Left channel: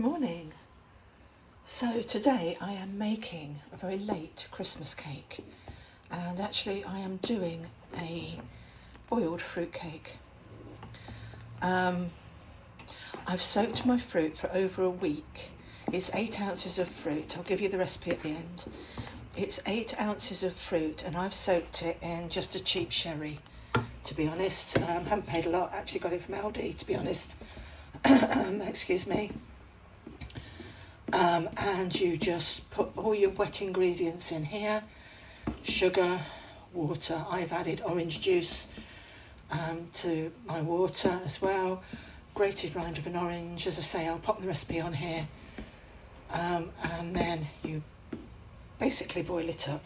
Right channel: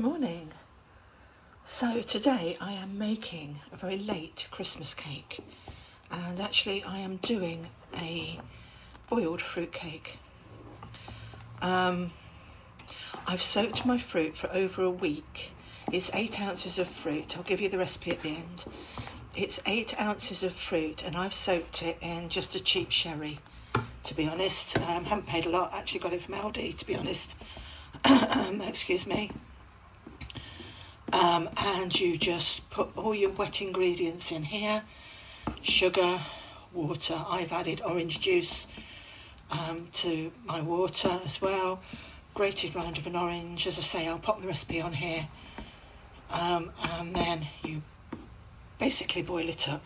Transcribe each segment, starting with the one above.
morning. So today I am making a very late Christmas cake, and actually I am doing a boiled fruit cake. I've soaked my fruit for over a week. It's 8 ounces of fruit. I'll give you the recipe at the end. It's 8 ounces of fruit and I've soaked it in just a cheap sherry, to be honest. Haven't paid a lot, actually got it from Aldi, to be honest. Excuse me. And you just put all your wet ingredients in here: sugar, water. I've added orange juice to my water as well, grated rind of an orange. As I say, I'll pop the recipe on here, and then you basically boil it up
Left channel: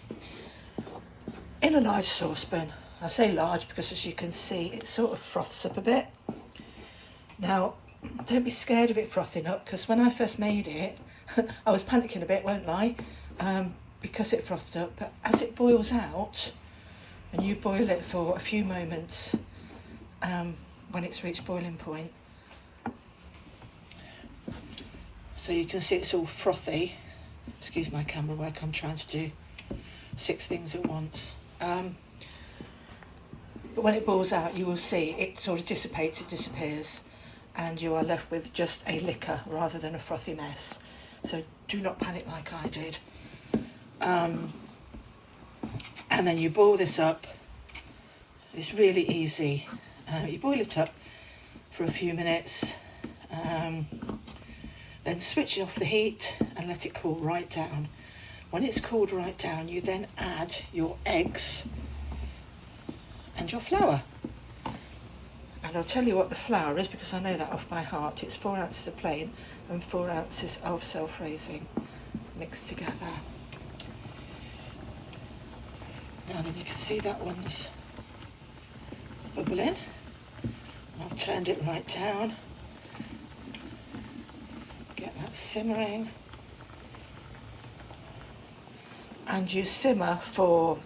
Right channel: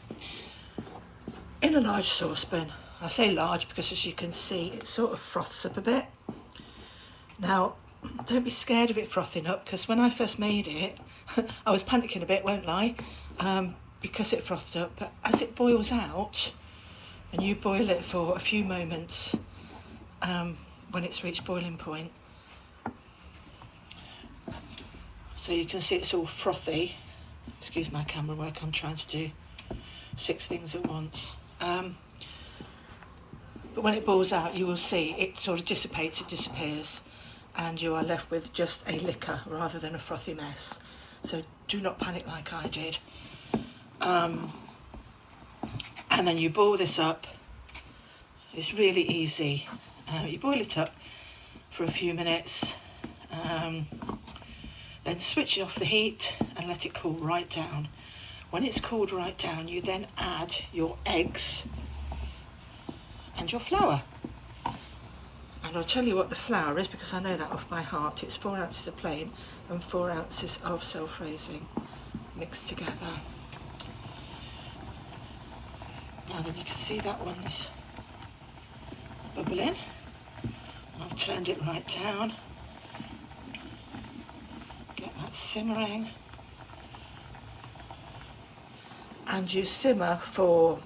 in a large saucepan. I say large because, as you can see, it sort of froths up a bit. Now, don't be scared of it frothing up, because when I first made it, I was panicking a bit, won't lie, because it frothed up. But as it boils out, and you boil it for a few moments, when it's reached boiling point, so you can see it's all frothy. Excuse my camera work, I'm trying to do 6 things at once. But when it boils out, you will see it sort of dissipates, it disappears, and you are left with just a liquor rather than a frothy mess. So do not panic like I did. And then you boil this up. It's really easy. You boil it up for a few minutes, then switch off the heat and let it cool right down. When it's cooled right down, you then add your eggs and your flour. And I'll tell you what the flour is, because I know that off by heart. It's 4 ounces of plain and 4 ounces of self-raising mixed together. Now then, you can see that one's bubbling. I've turned it right down. Get that simmering. And you simmer for,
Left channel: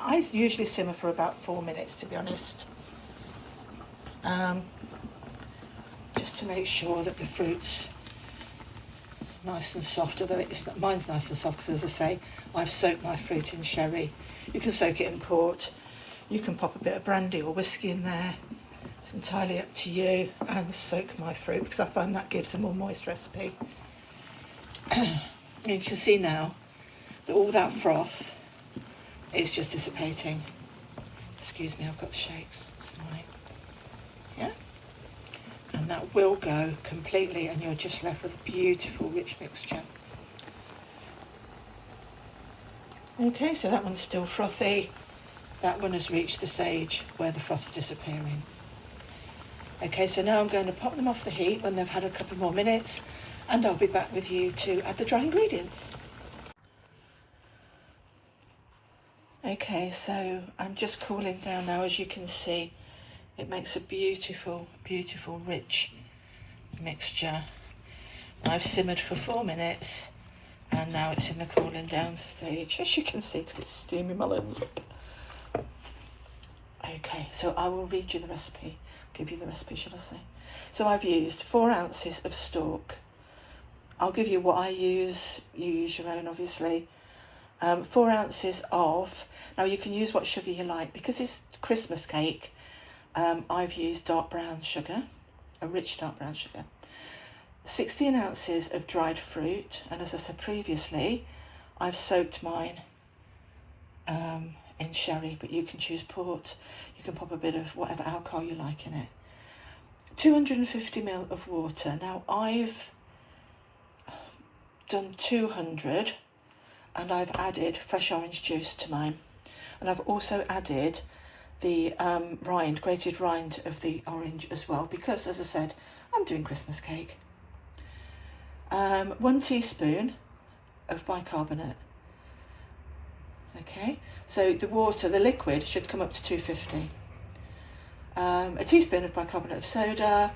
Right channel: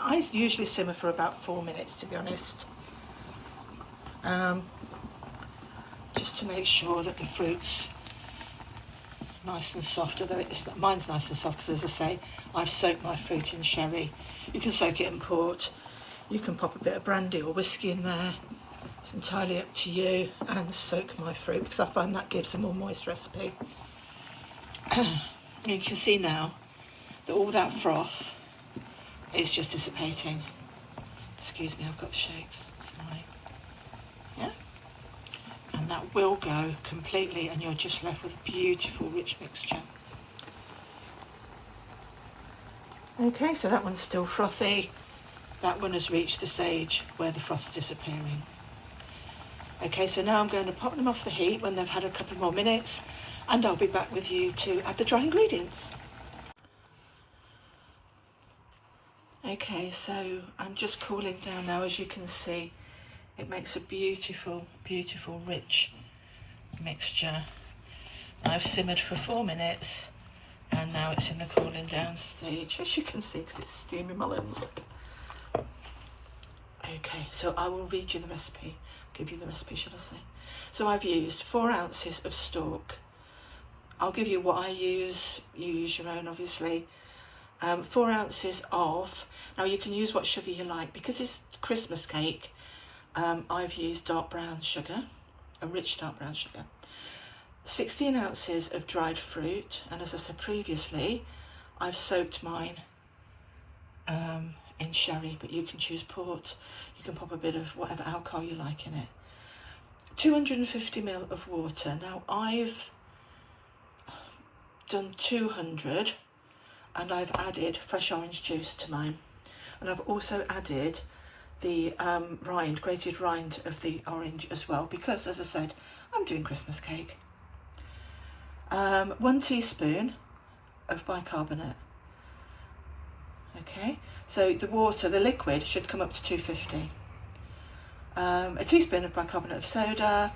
I usually simmer for about 4 minutes, to be honest. Just to make sure that the fruit's nice and soft, although mine's nice and soft, because, as I say, I've soaked my fruit in sherry. You can soak it in port, you can pop a bit of brandy or whiskey in there, it's entirely up to you, and soak my fruit, because I find that gives a more moist recipe. You can see now that all that froth is just dissipating. Excuse me, I've got the shakes this morning. Yeah? And that will go completely, and you're just left with a beautiful rich mixture. Okay, so that one's still frothy. That one has reached the stage where the froth's disappearing. Okay, so now I'm going to pop them off the heat when they've had a couple more minutes, and I'll be back with you to add the dry ingredients. Okay, so I'm just cooling down now. As you can see, it makes a beautiful, beautiful, rich mixture. Now I've simmered for 4 minutes, and now it's in the cooling down stage, as you can see, because it's steaming my lip. Okay, so I will read you the recipe, give you the recipe, should I say. So I've used 4 ounces of stork. I'll give you what I use, you use your own, obviously. 4 ounces of, now you can use what sugar you like, because it's Christmas cake. I've used dark brown sugar, a rich dark brown sugar. 16 ounces of dried fruit, and as I said previously, I've soaked mine in sherry, but you can choose port. You can pop a bit of whatever alcohol you like in it. 250 ml of water. Now I've done 200, and I've added fresh orange juice to mine, and I've also added the grated rind of the orange as well, because, as I said, I'm doing Christmas cake. 1 teaspoon of bicarbonate. Okay, so the water, the liquid, should come up to 250. A teaspoon of bicarbonate of soda,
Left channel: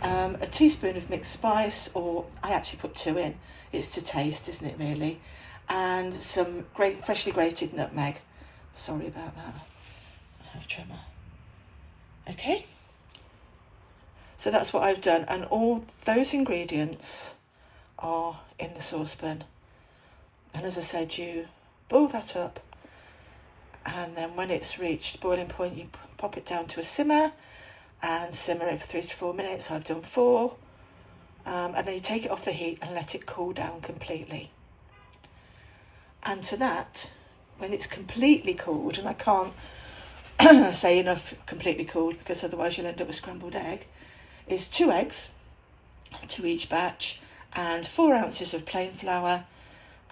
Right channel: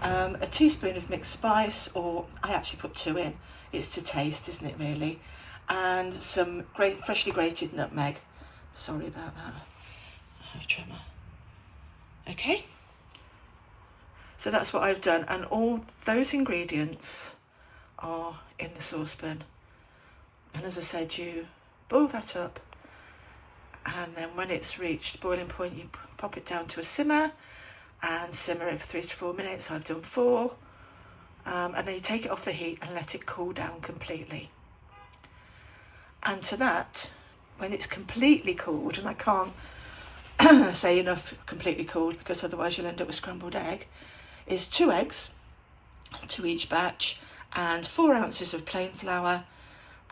a teaspoon of mixed spice, or I actually put 2 in, it's to taste, isn't it, really? And some freshly grated nutmeg. Sorry about that, I have trimmer. Okay, so that's what I've done, and all those ingredients are in the saucepan. And as I said, you boil that up, and then when it's reached boiling point, you pop it down to a simmer and simmer it for 3 to 4 minutes. I've done 4. And then you take it off the heat and let it cool down completely. And to that, when it's completely cooled, and I can't say enough completely cooled because otherwise you'll end up with scrambled egg, is 2 eggs to each batch and 4 ounces of plain flour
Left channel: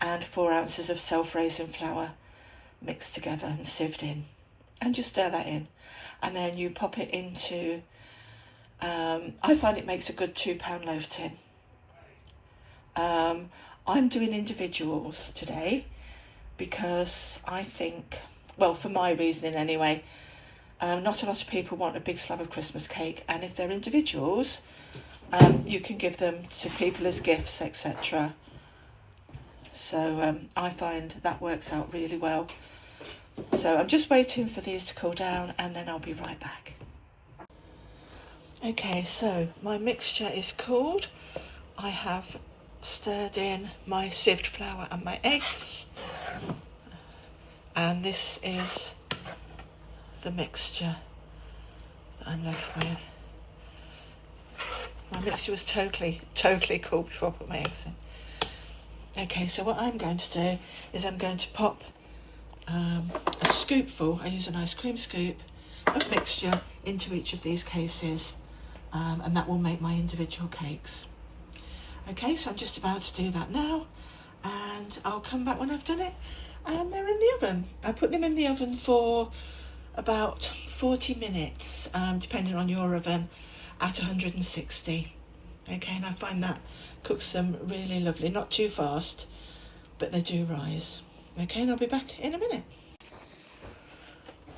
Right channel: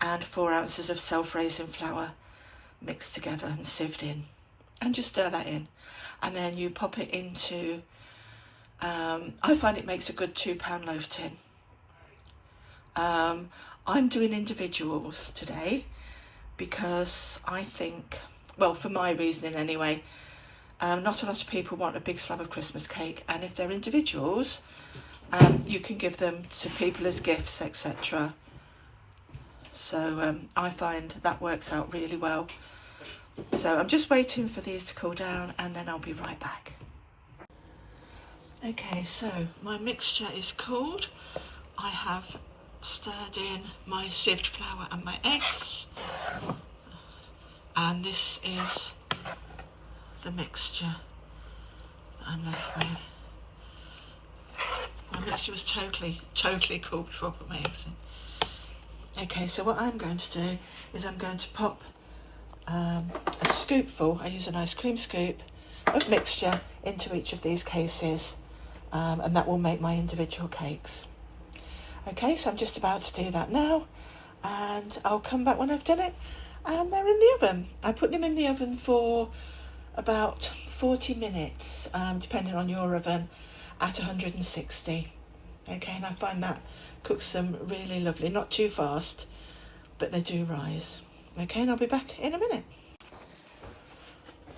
and 4 ounces of self-raising flour mixed together and sieved in. And just stir that in. And then you pop it into, I find it makes a good £2 loaf tin. I'm doing individuals today because I think, well, for my reasoning anyway, not a lot of people want a big slab of Christmas cake, and if they're individuals, you can give them to people as gifts, etc. So I find that works out really well. So I'm just waiting for these to cool down and then I'll be right back. Okay, so my mixture is cooled. I have stirred in my sieved flour and my eggs, and this is the mixture that I'm left with. My mixture was totally cool before I put my eggs in. Okay, so what I'm going to do is I'm going to pop a scoopful, I use an ice cream scoop, of mixture into each of these cases, and that will make my individual cakes. Okay, so I'm just about to do that now, and I'll come back when I've done it. And they're in the oven. I put them in the oven for about 40 minutes, depending on your oven, at 160. Okay, and I find that cooks them really lovely. Not too fast, but they do rise. Okay, and I'll be back in a minute.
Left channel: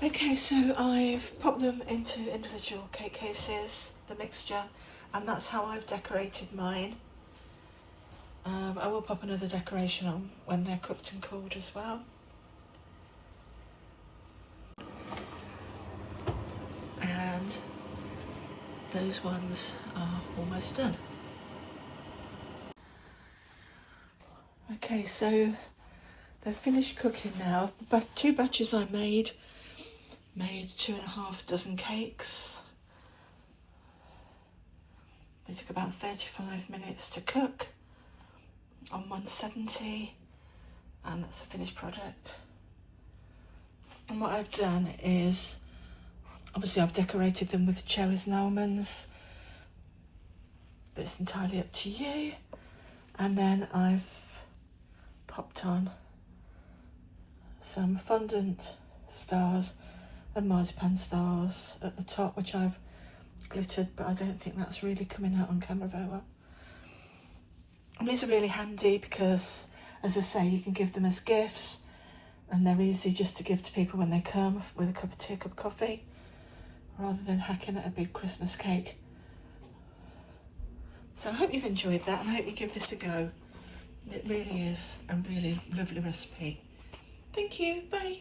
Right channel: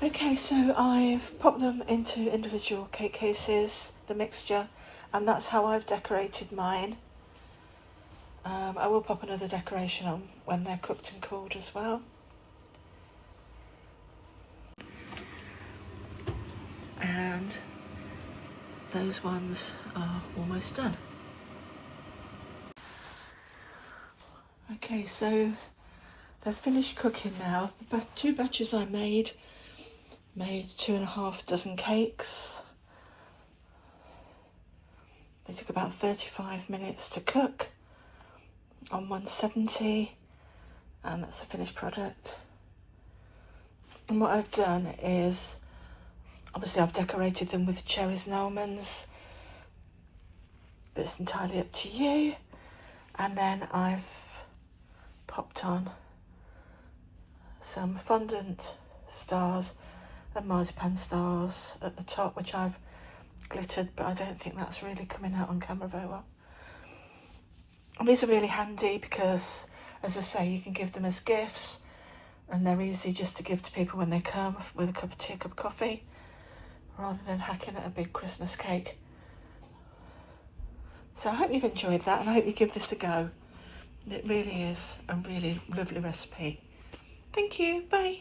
Okay, so I've popped them into individual cake cases, the mixture, and that's how I've decorated mine. I will pop another decoration on when they're cooked and cooled as well. And those ones are almost done. Okay, so they're finished cooking now. The 2 batches I made 2.5 dozen cakes. They took about 35 minutes to cook on 170, and that's a finished product. And what I've done is, obviously I've decorated them with cherries and almonds, but it's entirely up to you. And then I've popped on some fondant stars and marzipan stars at the top, which I've glittered, but I don't think that's really coming out on camera very well. And these are really handy because, as I say, you can give them as gifts, and they're easy just to give to people when they come with a cup of tea, cup of coffee, rather than hacking at a big Christmas cake. So I hope you've enjoyed that, and I hope you give this a go. It really is a really lovely recipe. Thank you, bye.